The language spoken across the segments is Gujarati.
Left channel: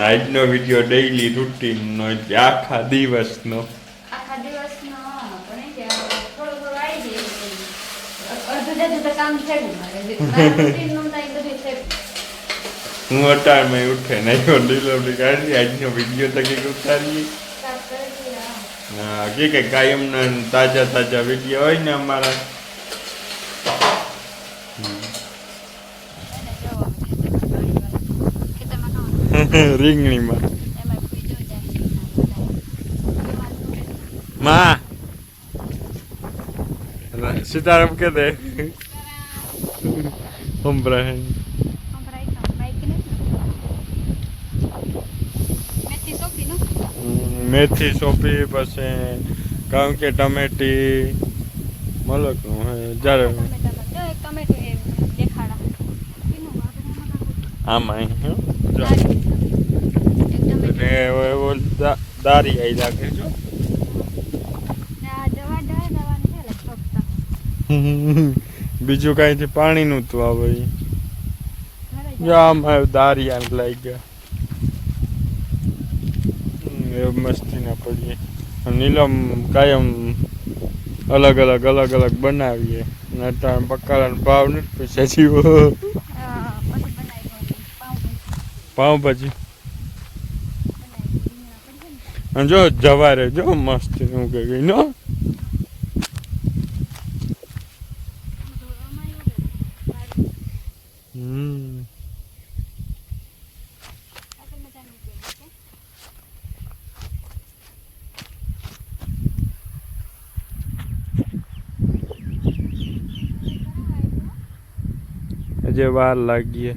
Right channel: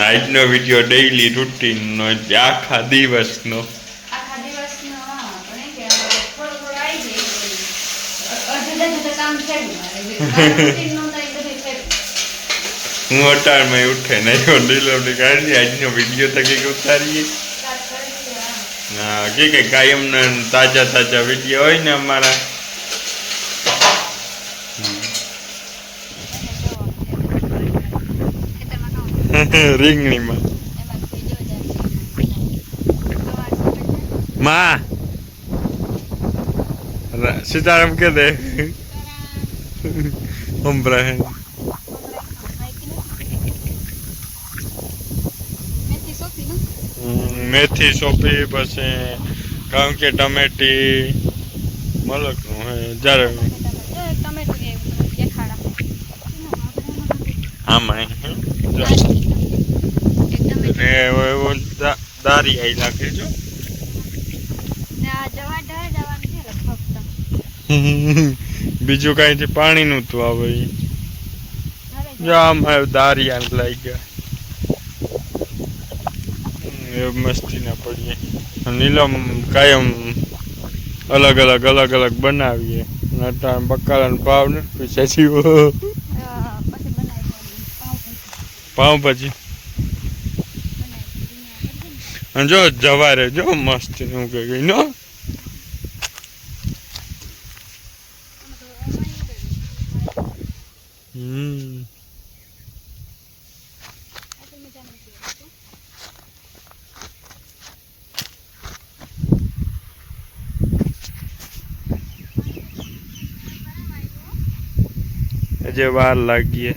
આજનો વિડીયો ડેઈલી રૂટીનનો આખા દિવસનો હું અટાણમાં ઉઠે નહીં ડિલિવરી કાઢી આજનો વિડીયો તો કંઈક ઉતારીએ કે કાયમના તાજા તાજા વિડીયો હોય ને અમારા રીંગણીમાં માં સીતારામ કે દે મેથી સોંપી પછી કારણ કે ટમેટી મલકનું હે જ્યારે આમાં દારી આવી લાગે છો બીજું કઈ પાણી નું તું આવે જો આમાં દારિયા લઈ ગયા મસ્તી ના પડીએ નીલમ કાયમ અલગ અલગ બનાવીએ બકાલા ભાવ નથી પૈસા જીવો પાઉંભાજી જો જવારે જો મસ્તી નું કે ગઈ નો હજે વાર લાગીએ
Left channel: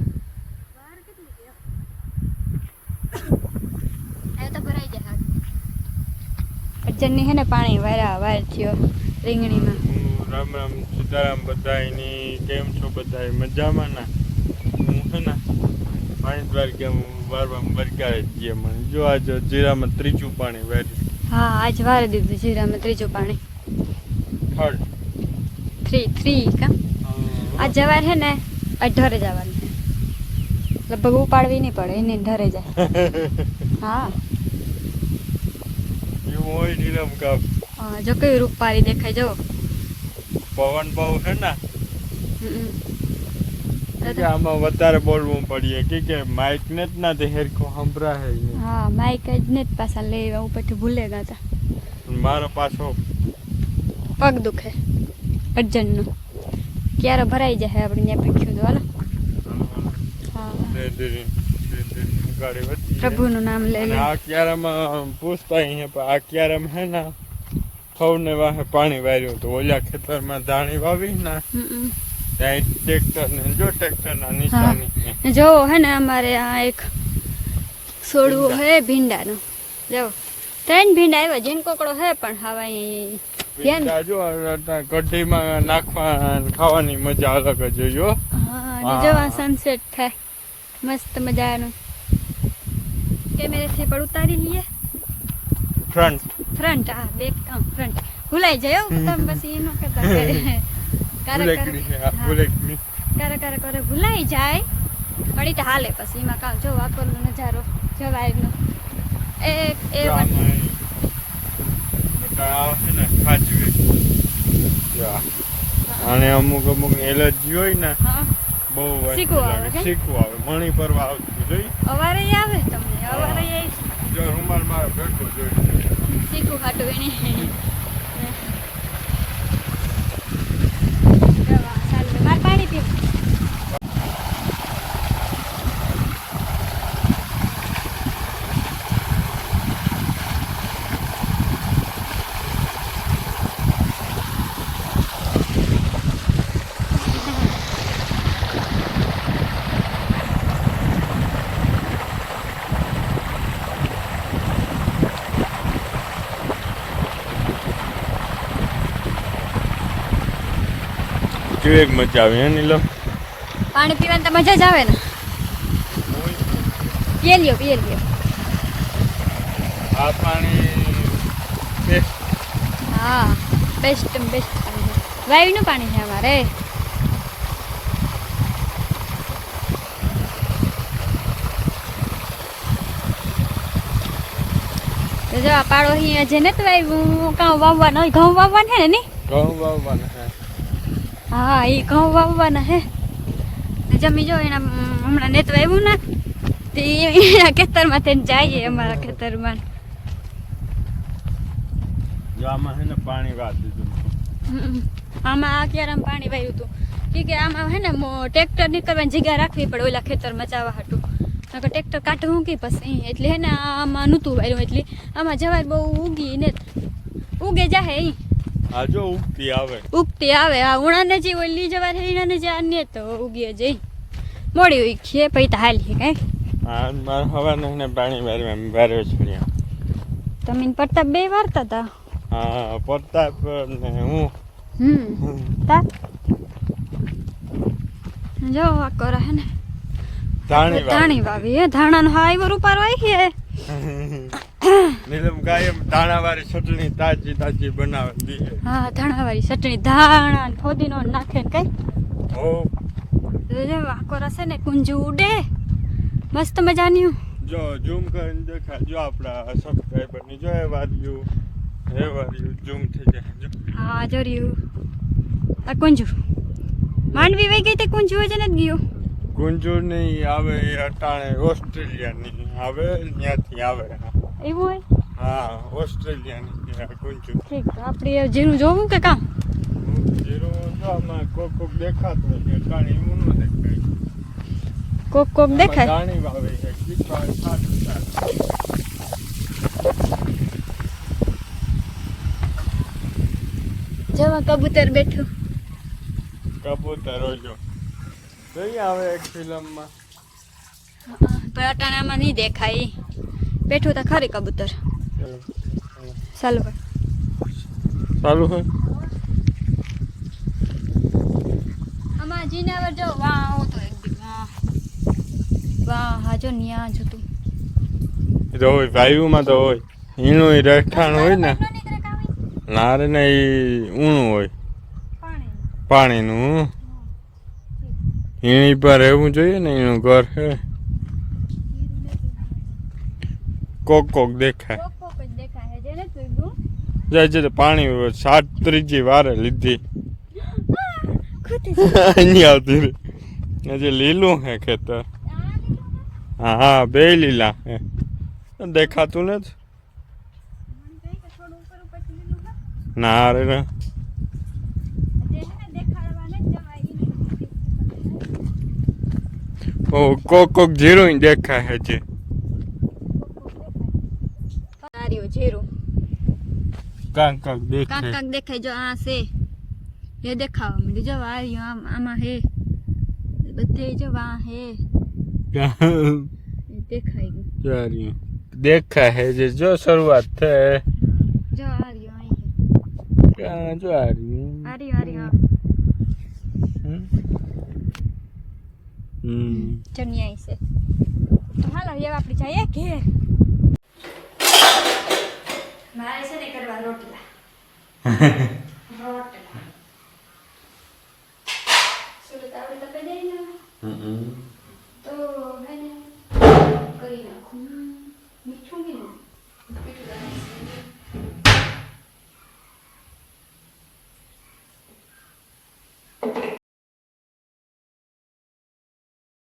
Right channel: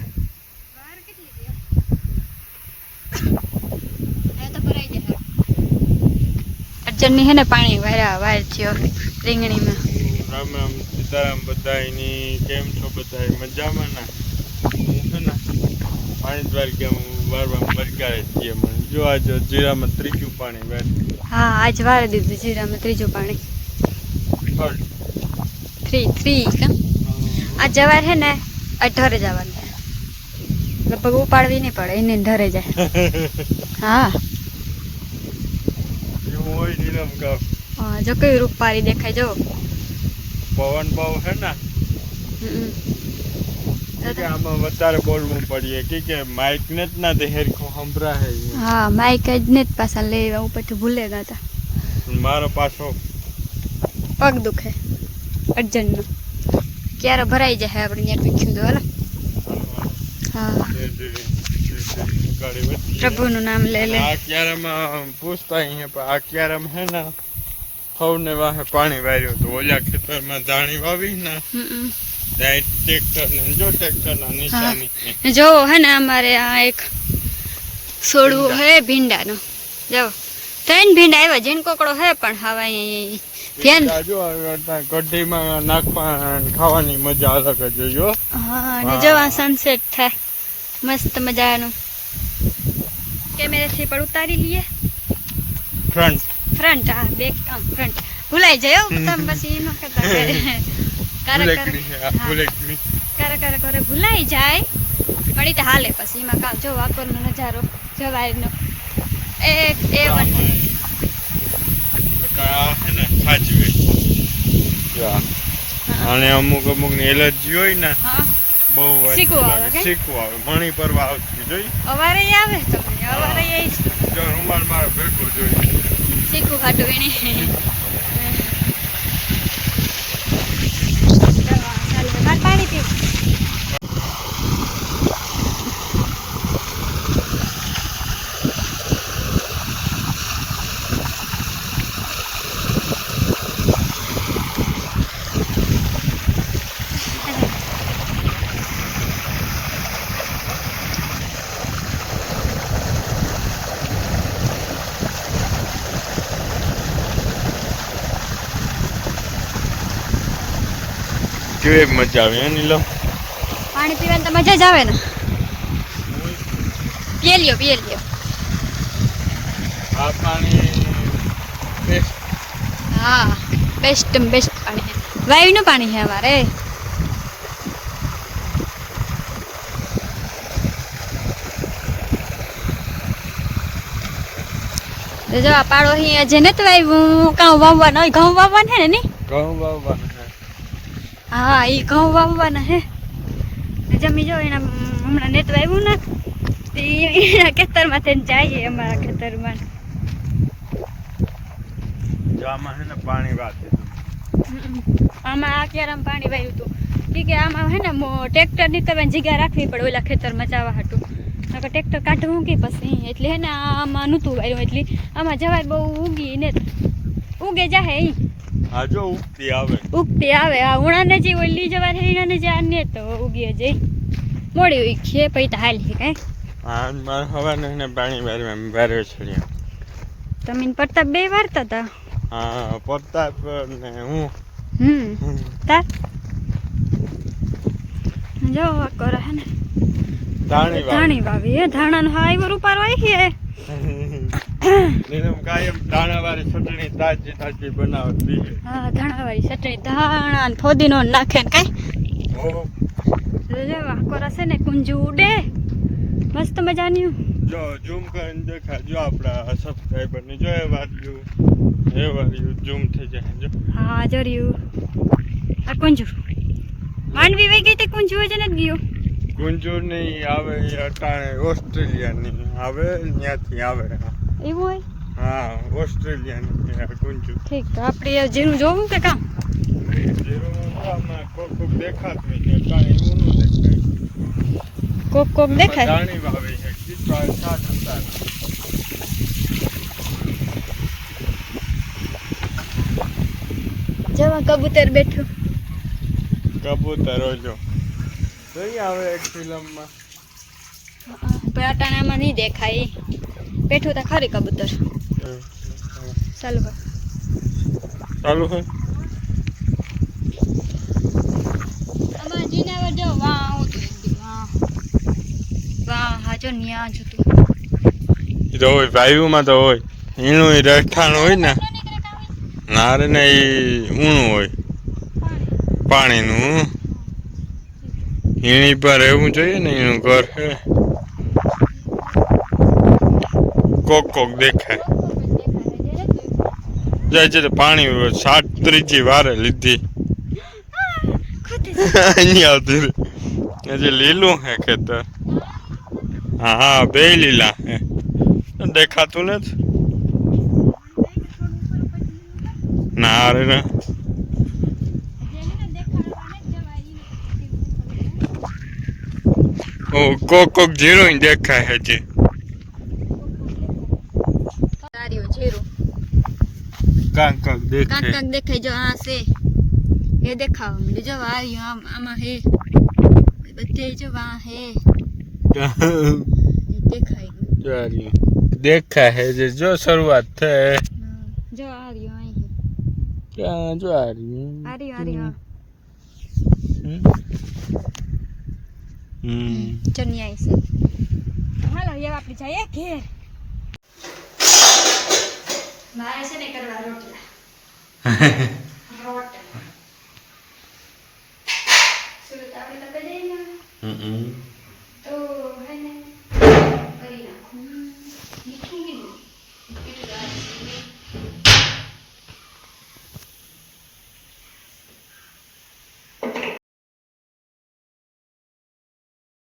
અર્જનની હે ને પાણી વાયર થયો રીંગણીમાં રામ રામ સીતારામ બધાયની કેમ છો બધાય મજામાં ના હું હે ને પાણી દ્વાર કે વારવા મરગાડે છીએ મને જો આજ જીરામાં ત્રીજું પાણી વાય હા આજ વાર દીધું જીરામાં ત્રીજું પાણી થ્રી કા આ જવાર હે ને અઢરે જવાનું લગભગ ઉપાડવી નહીં પડે એને ઢરે જાય હા જો કઈ રૂપારી દેખાય જો પવન બહુ હે ને આમાં વધારે બોલવું પડીએ કે માઇક ને જ ના દે હેરખો હંભરા હે હા માઇક જ ને જ પાછા લેવા ઉપરથી ભૂલે નતા મારો પાછો પગ દુખે અર્જનનો ક્યારે ભરાઈ જાય આપણે ત્યાં પૂછ્યું તો હાલો હા પ્રભુનું નામ લે લે આ ક્યારામાં પૂછતા અહીંયા આ ક્યારામ હે ને ફવને વાહે પાણી વાર્યું તો ઓલા ખેતરમાં ધાણી વાવી ને ત્યાં ટ્રેક્ટર નિશાની જો હે ને અમારે આ એક છોડવું હે ભીંડાનો જો ત્રણ ભીંડા આવ્યા જીન કોકડો હે પણ હવે કઢીમાં નાખવા ખાવાની મજા અલગ જ જોયો હા જો આ સનસેટ થાય મસ્ત મજાનું કેમેરાથી પણ ઉતારી લઈએ ફ્રન્ટ હા બેક ફ્રન્ટ ભૂલાઈ જાય તમે પછી એનો કરતા કરે ભૂલાઈ જાય પણ એ તો હાલે પછી એમાં કામ જો વાપરનો નજારો જવાયનો એક અને અમુક ની એલર્જી હોય ને બહુ શીખવું આવે મણી પરવા આવતી જોઈ અવારે આવે તમને અવારે જો રૂમાલ મારો ભેગો જોઈ શીખવું ખાટું એને પાણી પીવું કેવી મજા આવે હે નીલમ પાણી પીવાની તો મજા જ આવે ને પીએ લ્યો આ પાણી બેસ્ટ હા બેસ્ટ પાણી છે વાયુનું પાણી છે અમારે તો જો આ પાડો અહીં જે નથી વાવ્યું કાં વાવવાના હોય ઘઉં વાવવાના હે ને ઘઉં વાવવાના હે. હા એ ઘઉં વાવવાના હે જમી જો એના હમણાં નેત વાવ્યું ને તે એના ખેતરમાં થઈને જાય અમારા ખેતરમાં જો આમાં હે ને પાણી વાળી દીધું. આમાં આ ક્યારામાં પાણી વાવ્યું હતું કે આમાં હે ને ટ્રેક્ટરની તમે જગ્યા રાખવી પડે ઓલા ખેતરમાં જવા હાટું નકર ટ્રેક્ટર કાઢવું કે પછી એટલે હે ને આમાં નહોતું વાવ્યું એટલે આમાં જવાર બહુ ઉગી ને ઉગે જાહે ઈ આ જો ઉગતી આવે. ઉગતી આવે આ ઉણાને જે ઓલી જવાર હે એનાને જે આને તો ઉગી જઈ મોડી ઉગી પછી તો હાલી કાંઈ હા મારે હવાને હે ને પાણી વાળવા વારે છોડ્યા. તમે પ્રતાપ બે વારતા હતા. હા પ્રતાપ ને હું તાર જો વાકોરા હે ને ધાણી વાવી હે ધાણાનો હાઈવો રૂપારો આવી છે નીલમ કાયમ ધાણાવાળી ચટણી તાજી તાજી બનાવે દીજે. હા ધાણાવાળી ચટણી ધાણા ને ફોદીનો નાખે ને કઈ ઓ જો વાકોરા છે ને કુંજુ ઉડે મસ્ત મજાની જો ઝૂમ કરીને દેખાય જો આપણા સબસ્ક્રાઈબર ની જો એ વાર્યું ઝૂમ થઈ જાય જો. હા જોર્યું આ કુંજુ માંડવી વહી ગઈ તે કુંજુ જ નથી ગયો કુંજુર ની આવે અટાણે ઓસ્ટ્રેલિયાની આવે ત્યાંથી આવે. એવું હોય હા ઓસ્ટ્રેલિયાની કુંજુ. ઠીક તો આપણે જીરું જોવું કે કામ આમાં કોક કોક દેખાતું હોય અટાણે એવું ન દેખાય. કોક દેખાય ધાણી વાવે છે કીધું સારું સારું. જવા કબૂતર બેઠું કબૂતર જો જોઈ આવે એક ફિલ્મમાં પણ અટાણામાં નહીં દેખાય બેઠું તો ખરી કબૂતર ચાલુ કર ચાલુ હોય. આમાં જીનાવર જો વાહ આવતું વાહ હા જો ન્યા જતું એ તો હોય વાયુમાં તો હોય એનું રહેઠાણ હોય ને ના રે ને એ ઊણું હોય પાણીનું એની પર રહેવું જોઈએ ને એનું ઘર હે. કોક કોક દેખાય જાય છે તો પાણી સાત ત્રીજી વારે લીધી અહીંયા આવતું રે હજી લીલું હે ખેતર. હા બે લીલા હે દેખાતું નથી ના રે ના ઓ કોક કોક જીરો દેખાય હજી. જીરું કાંક કાંક દેખાય કાંક દેખાય જો આ છે એ દેખાવા માંડ્યું જો આવ્યું આમાં હે બધે જો વા હે દેખાય ગયું દેખાય હે જે જો શરૂઆત થઈ જો આવ્યું અહીં ક્યાં જો આર્યું ચનિયા છે તો હાલો હવે આપણે જઈએ ઘેર મારે છે ને કરવા રોટલા સુરત આપણે તો જઈએ તો હે ને કરી નાખું